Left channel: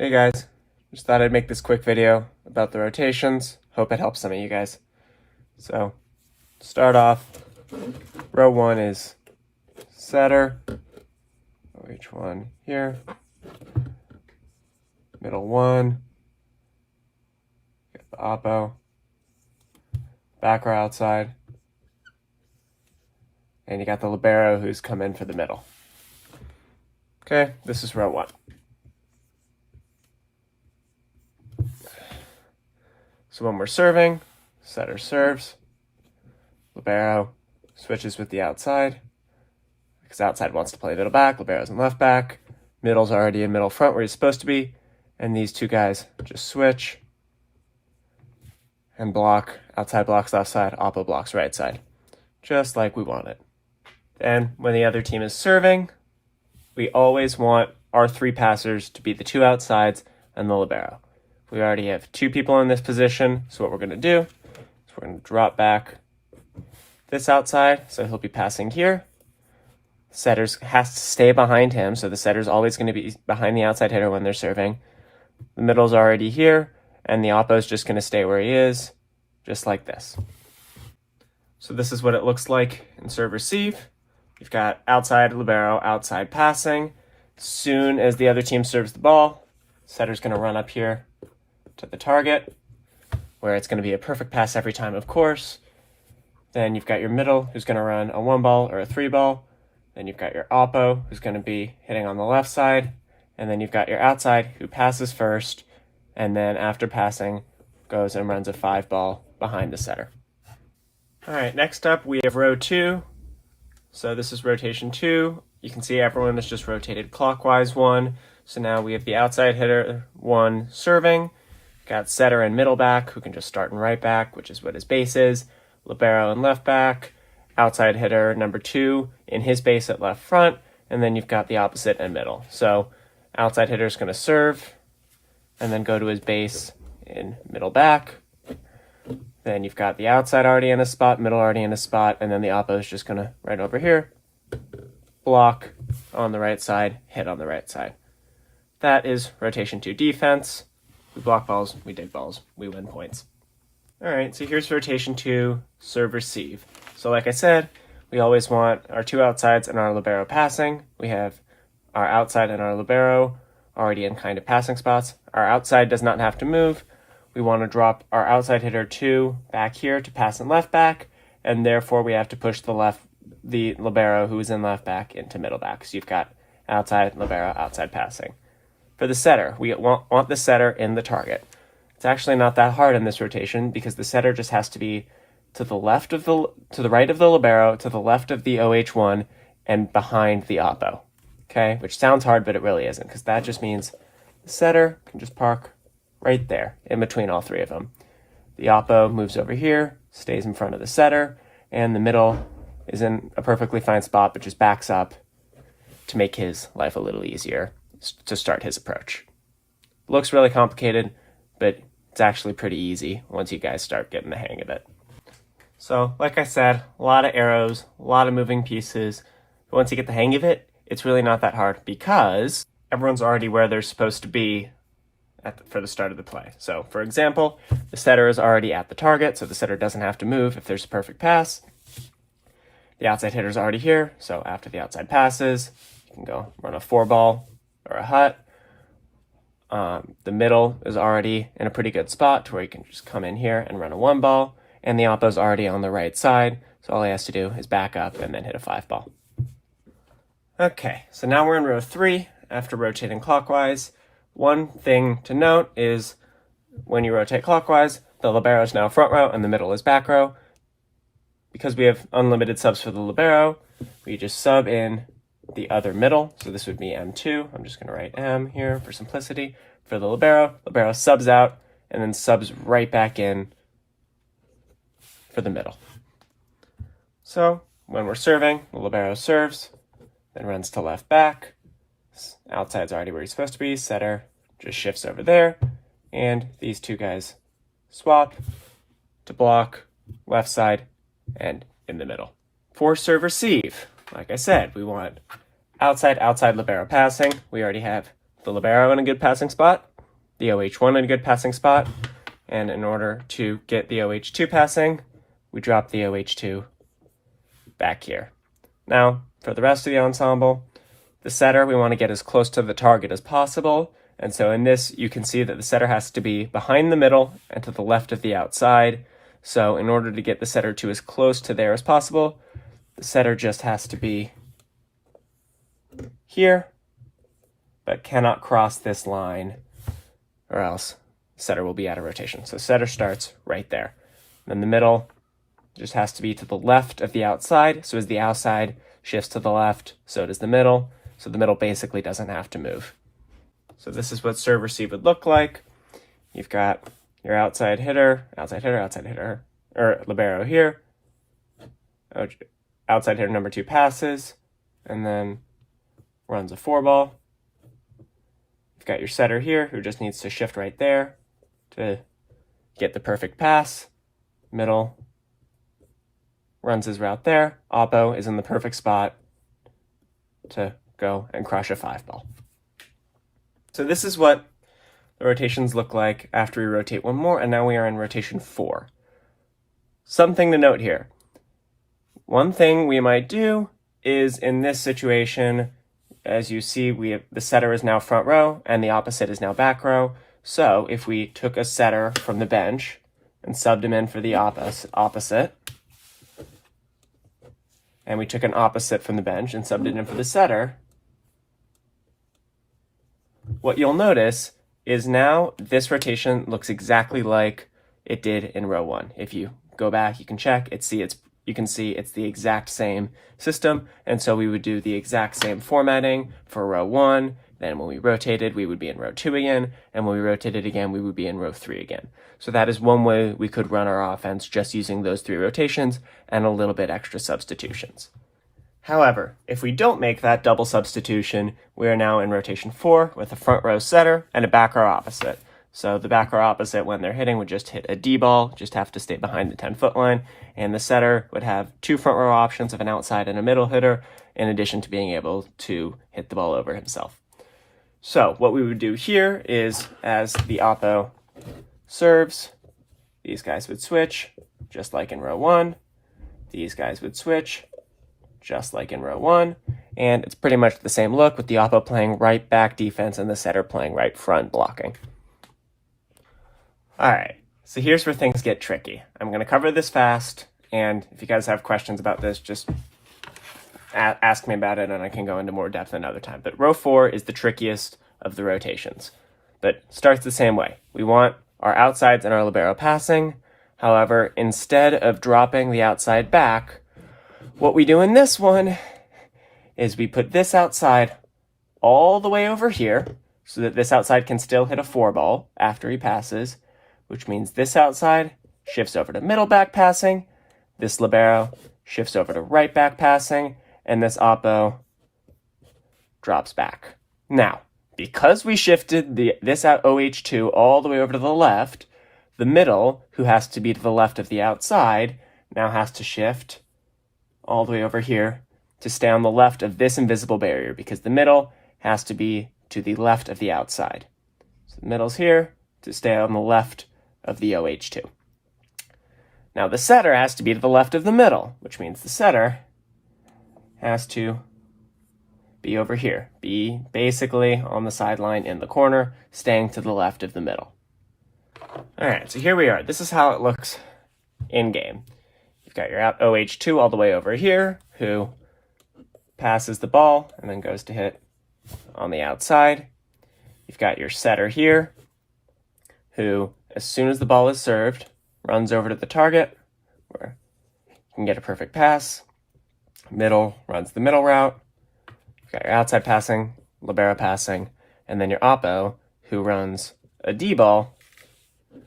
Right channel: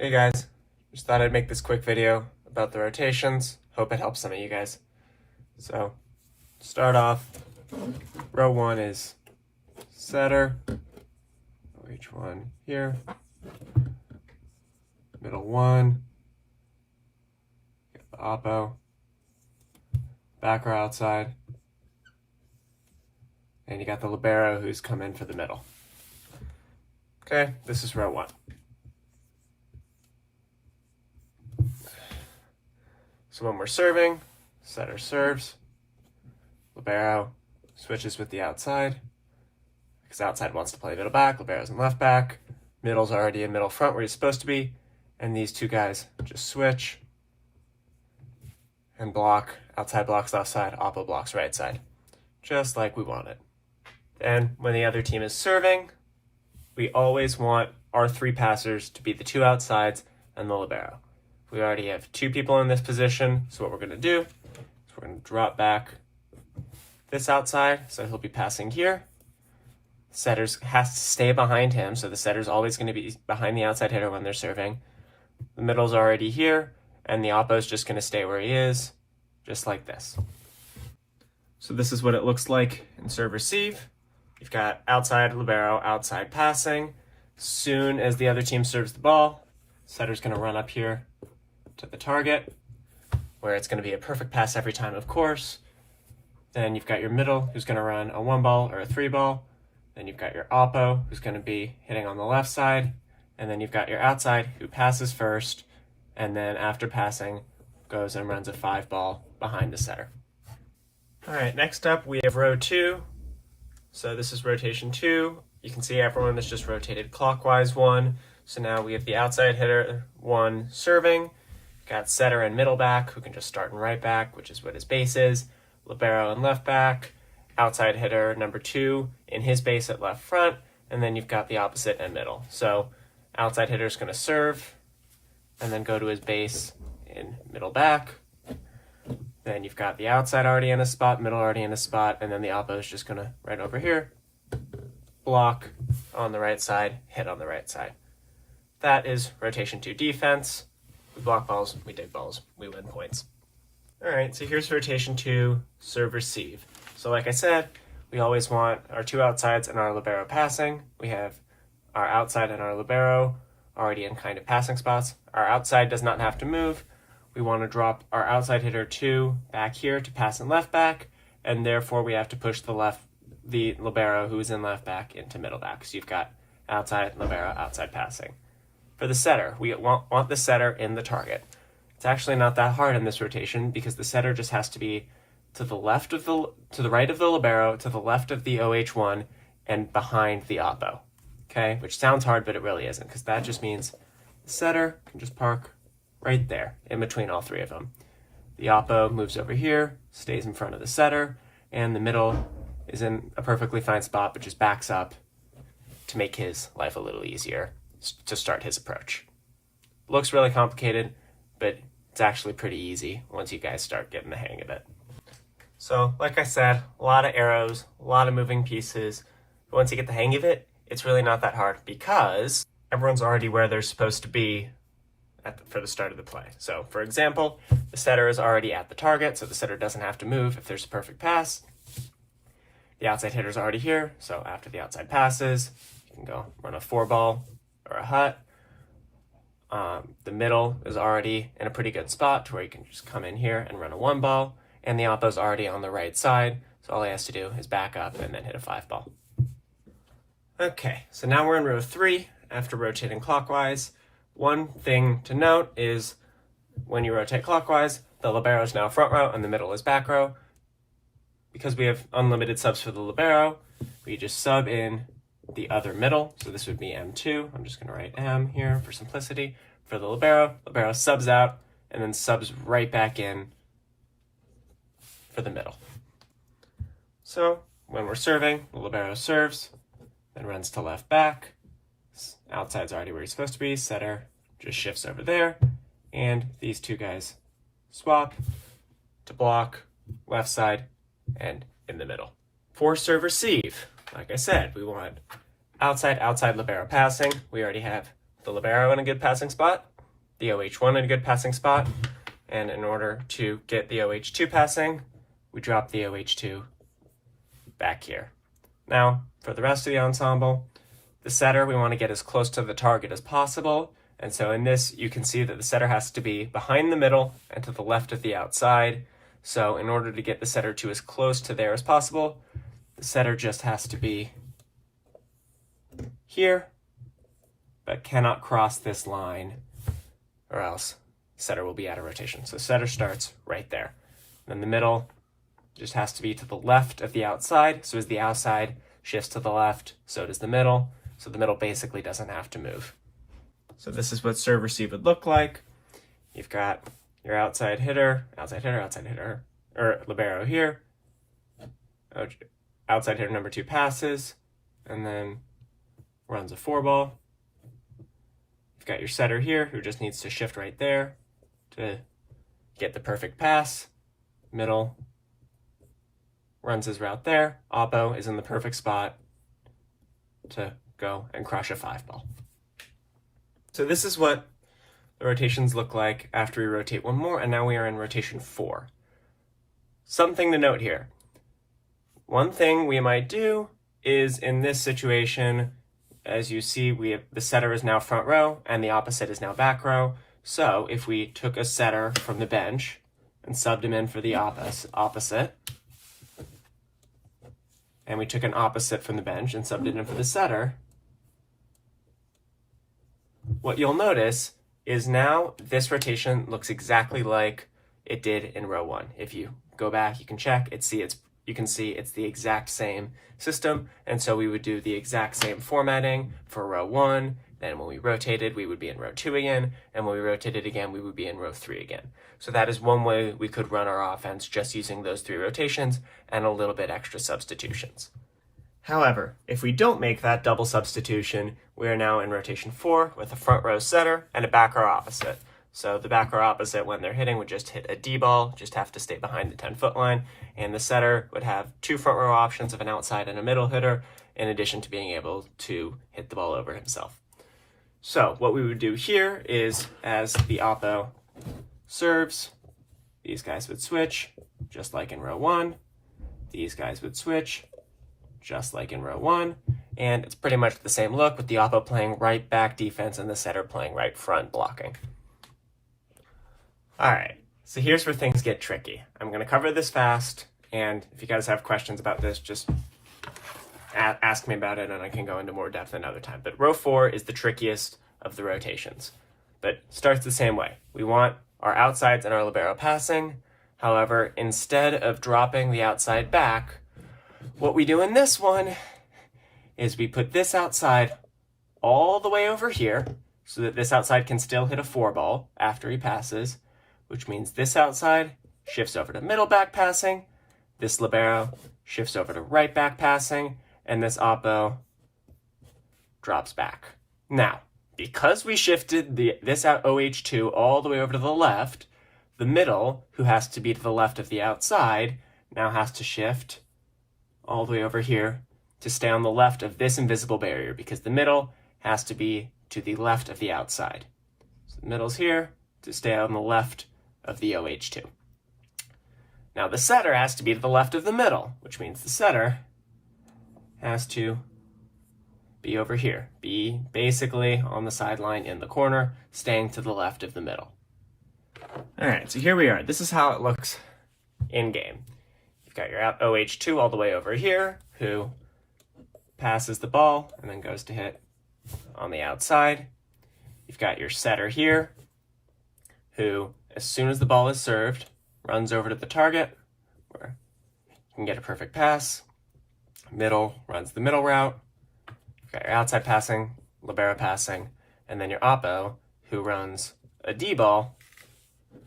Hey guys, just thought I'd make this quick video about the rotations. Hope it helps some of you guys. So, start off, row 1 is setter, each one here, middle 1, get the oppo, back or outside, and you got the libero who's come in for the middle. Okay, this is row 1. So when we're serving, setter serves, libero switches with the outside, because outside wants to play middle back, libero's in left back, middle's already in middle front where he's supposed to be, and these two guys just switch and block, outside blocks left side, oppo blocks right side, just like we want it. And when the other team is serving, we always want our 3 passers to be the 2 outsides and the libero. We already have 2 people in this position, so what we're going to do is we're going to drop back this outside, so he'll be passing here. Setters has to stay behind him, so the setter's always going to be behind the outside hitter when they're serving. The middle's already here, and the oppo's just going to stay where he is, just like this. So this is what it looks like in serve-receive. You've got outside libero, outside passing. As soon as the other team serves the ball, setter's going to run up here to the target, where it's going to be a perfect pass every time, of course. Then you've got your middle, who's going to run a 1-ball or a 3-ball. Then you've got your oppo, who's going to be hitting on the left side. And then you've got your outside, who passes first, and then after passing, goes and runs a 5-ball behind the setter. All right, next up, we have row 2. So this is rotation 2. You can see everyone is just rotated clockwise 1. So now we have the outside hitter 1 serving. Got setter and middle back, who can just start in right back, which is what his base is. Libero and left back. Outside hitter number 2 in his base at left front. And then you've got the opposite and middle. So outside hitter is going to serve and then go to his base in middle back. Then you've got the outside already in a spot, middle already in a spot, and then the oppo is just going to right over here, block on the right side, hit on the right side. That is rotation 2 defense. We block balls, we dig balls, we win points. All right, so here's rotation 2, serve-receive. So like I said, we always want our 2 outsides and our libero passing. We have our outside and our libero already in kind of passing spots. Our outside does not have to move. We want to drop our outside hitter 2 back here to pass in left back, and therefore we have to push the libero who's in left back into middle back. So you've got outside, libero, outside passing. For the setter, we want the setter in the target. It's actually not that hard in this rotation because the setter just has to be to the right of the libero, to the left of the OH1, and behind the oppo. Okay, which sounds hard, but it really isn't, because that just means the setter can just park right there in between all 3 of them. The oppo moves over here, stays in front of the setter, and the middle is in a perfectly fine spot, but just backs up to make his life a little easier to start his approach. Looks really complicated, but it's actually pretty easy once you guys start getting the hang of it. So, like I said, a lot of arrows, a lot of moving pieces. But once you get the hang of it, it's really not that hard because everyone's already where they're supposed to be for the start of the play. So, for example, the setter is already at the target, so the setter doesn't have to move if there's a perfect pass. The outside hitter's already here, so after the outside passes, you can go run a 4-ball or a hut. The middle is already in a pretty good spot to where you can just come in here and run a 1-ball, and the oppo's already on the right side, so all he has to do is back up and then hit a 5-ball. Okay, so now we're in row 3 after rotating clockwise. One thing to note is when you rotate clockwise, the libero is now front row and the middle is back row. Because we have unlimited subs for the libero, we just sub in the other middle. So this would be M2. I'm just going to write M here for simplicity. For the libero, libero subs out and then subs right back in for the middle. So when we're serving, the libero serves, then runs to left back. Outside's already where he's supposed to be. Setter just shifts over there. And these 2 guys swap to block left side and in the middle. For serve-receive, like I said, we want outside libero passing. We already have the libero in a good passing spot, the OH1 in a good passing spot, and in order to get the OH2 passing, we drop the OH2 back here. Now, for the rest of the ensemble, the setter we want to get as close to the target as possible, and so in this you can see that the setter has to be behind the middle and to the left of the outside. So in order to get the setter to as close to there as possible, the setter just has to be here, but cannot cross this line, or else setter will be out of rotation. So setter starts right there. Then the middle just has to be to the left of the outside. So as the outside shifts to the left, so does the middle. So the middle basically doesn't have to move. So this is what serve receive would look like. You've got your outside hitter, or libero here. Outside hitter number 2 passes, and then runs a 4-ball. You've got your setter here, who just needs to shift right there to get the perfect pass. Middle runs his route there. Oppo is in the perfect spot to go and crush a 5-ball. So this is what the rotations look like after we rotate one more, and now we are in rotation 4. Something to note here. One thing we might do is, in this situation, as you see, the setter is now front row and the opposite is now back row. So if we took a setter from the bench and subbed him in for the opposite, and we took an opposite from the bench and subbed it in for the setter, what you'll notice is now this rotation looks exactly like it did in row 1. If you go back, you can check, you can see it's the exact same system, and so we would do the exact same formatting for row 1. Then when we rotated, we would be in row 2 again, and when we rotated again, we would be in row 3 again. So that is one way we could run our offense, just using those 3 rotations and a little bit extra substitutions. However, if we don't make that double substitution, we are now in rotation 4 with a front row setter and a back row opposite. So the back row opposite, when they're hitting, would just hit a D ball, just have to stay behind the 10-foot line, and the setter would have 2 front row options of an outside and a middle hitter, in addition to being able to hit the ball over himself. So what we would do here is, as the oppo serves, these guys would switch, just like in row 1. These guys would switch, just like in row 1. And it's pretty much the same look, with the oppo playing right back defense and the setter playing right front blocking. All right, so here's where things get tricky. I'm going to cover this fast, and if you guys have questions about this, just ask me about it, and I can go into more depth another time. But row 4 is the trickiest of the rotations, but starts the same way. We want our outsides and our libero passing. However, instead of dropping the outside back, what we do in this one is we put this outside all the way over here so that this outside can still hit a 4-ball after he passes, which means this outside shifts over to middle back passing, this libero shifts over to right back passing, and this oppo drops back. Now, because we shifted this out OH2 all the way over to the left, the middle, who has to be to the left of the outside, now has to shift all the way over here to stay on the left of this invisible barrier, because the middle has to be to the left of the outside. So the middle's here to stay on the left of the OH2. Now the setter has to be to the left of the middle, which means the setter has to be over here, be basically on the sideline in the corner, staying to the left of the middle. All right, so here we are. This is how it looks in game. You've got your out OH2 all the way over here, who passes the ball and then goes to hit on the outside. You've got your setter here, who, as soon as the ball is served, runs over to the target, where you can get a perfect pass. Middle runs the middle route. You've got your outside passing, libero passing, and then your oppo, who runs a D-ball,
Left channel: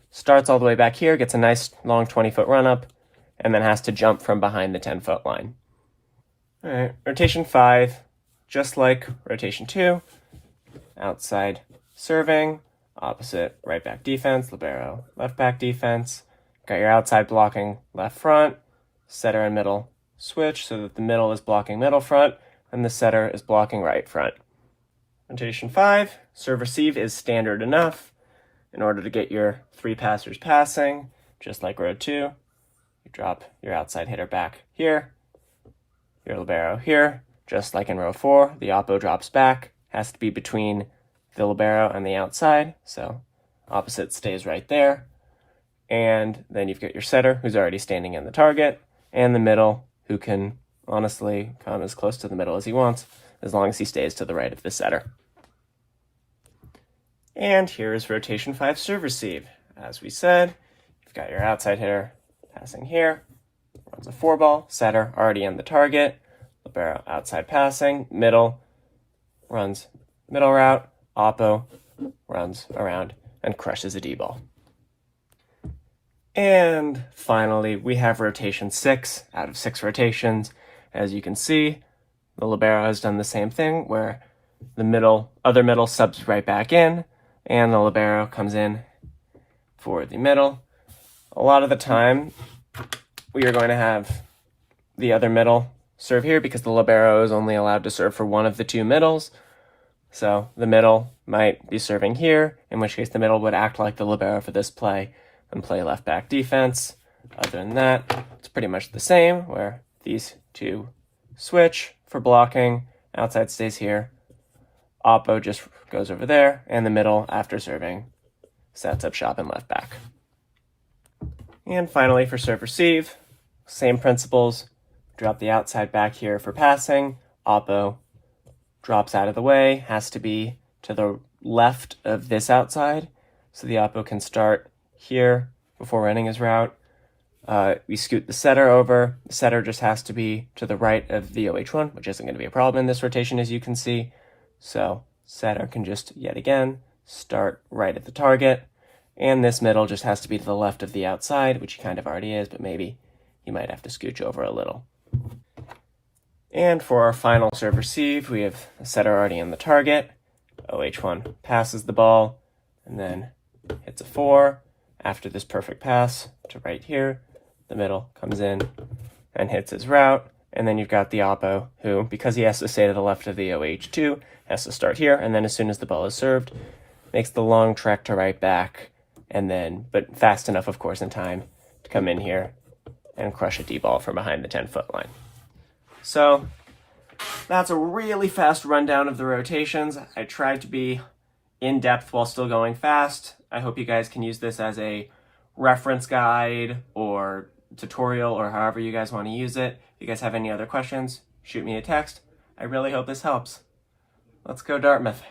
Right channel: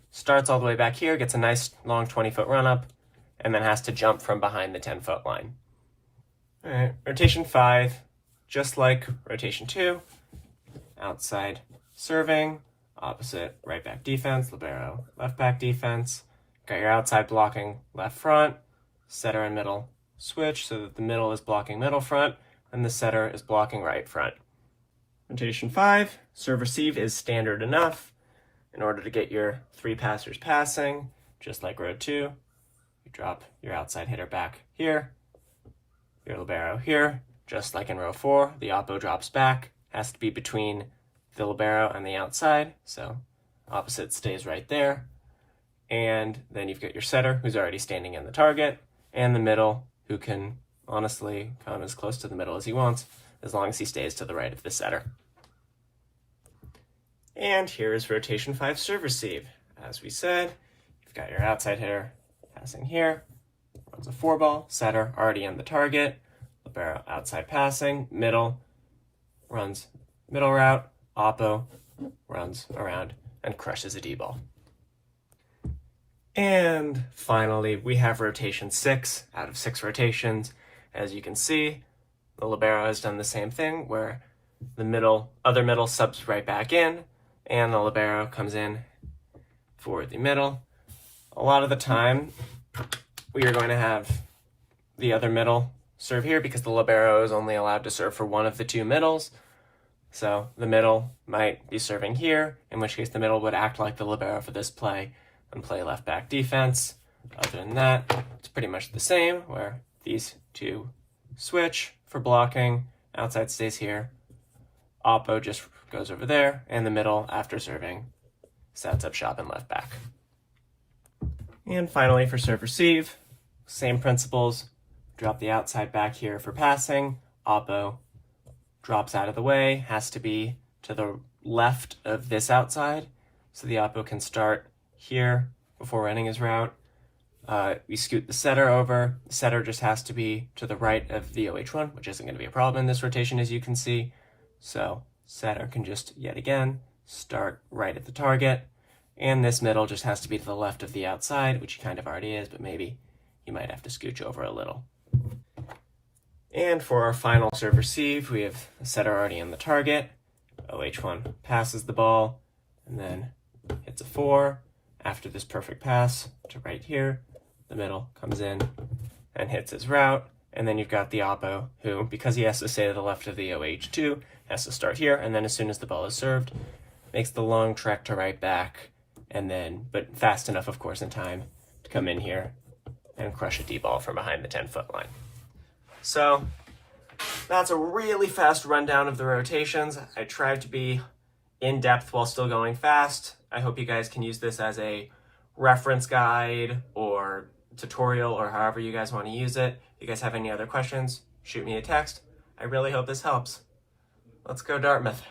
starts all the way back here, gets a nice long 20-foot run-up, and then has to jump from behind the 10-foot line. All right, rotation 5, just like rotation 2, outside serving, opposite right back defense, libero left back defense. Got your outside blocking left front, setter and middle switch so that the middle is blocking middle front and the setter is blocking right front. Rotation 5, serve receive is standard enough. In order to get your 3 passers passing, just like row 2, you drop your outside hitter back here, your libero here, just like in row 4, the oppo drops back, has to be between the libero and the outside, so opposite stays right there. And then you've got your setter, who's already standing in the target, and the middle, who can honestly come as close to the middle as he wants, as long as he stays to the right of the setter. And here is rotation 5 serve receive. As we said, you've got your outside hitter passing here, runs a 4-ball, setter already in the target, libero outside passing, middle, runs middle route, oppo runs around and crushes a D-ball. And finally, we have rotation 6 out of 6 rotations. As you can see, the libero has done the same thing where the other middle subs right back in, and the libero comes in for the middle. A lot of the time, we are going to have the other middle serve here because the libero is only allowed to serve for one of the 2 middles. So the middle might be serving here, in which case the middle would act like the libero for this play and play left back defense. Other than that, it's pretty much the same, where these 2 switch for blocking, outside stays here, oppo just goes over there, and the middle, after serving, sets up shop and left back. And finally, for serve receive, same principles. Drop the outside back here for passing, oppo drops out of the way, has to be to the left of this outside, so the oppo can start here before running his route. We scoot the setter over. The setter just has to be to the right of the OH1, which isn't going to be a problem in this rotation, as you can see. So setter can just, yet again, start right at the target. And this middle just has to be to the left of the outside, which he kind of already is, but maybe you might have to scooch over a little. And for our final serve receive, we have a setter already in the target. OH1 passes the ball, and then hits a 4. After this perfect pass to right here, the middle comes in and hits his route, and then you've got the oppo, who, because he has to stay to the left of the OH2, has to start here, and then as soon as the ball is served, makes the long trek to right back, and then, but fast enough, of course, in time to come in here and crush a D-ball from behind the 10-foot line. So that's a really fast rundown of the rotations. I tried to be in-depth while still going fast. I hope you guys can use this as a reference guide or tutorial or however you guys want to use it. If you guys have any other questions, shoot me a text. I really hope this helps. Let's go Dartmouth.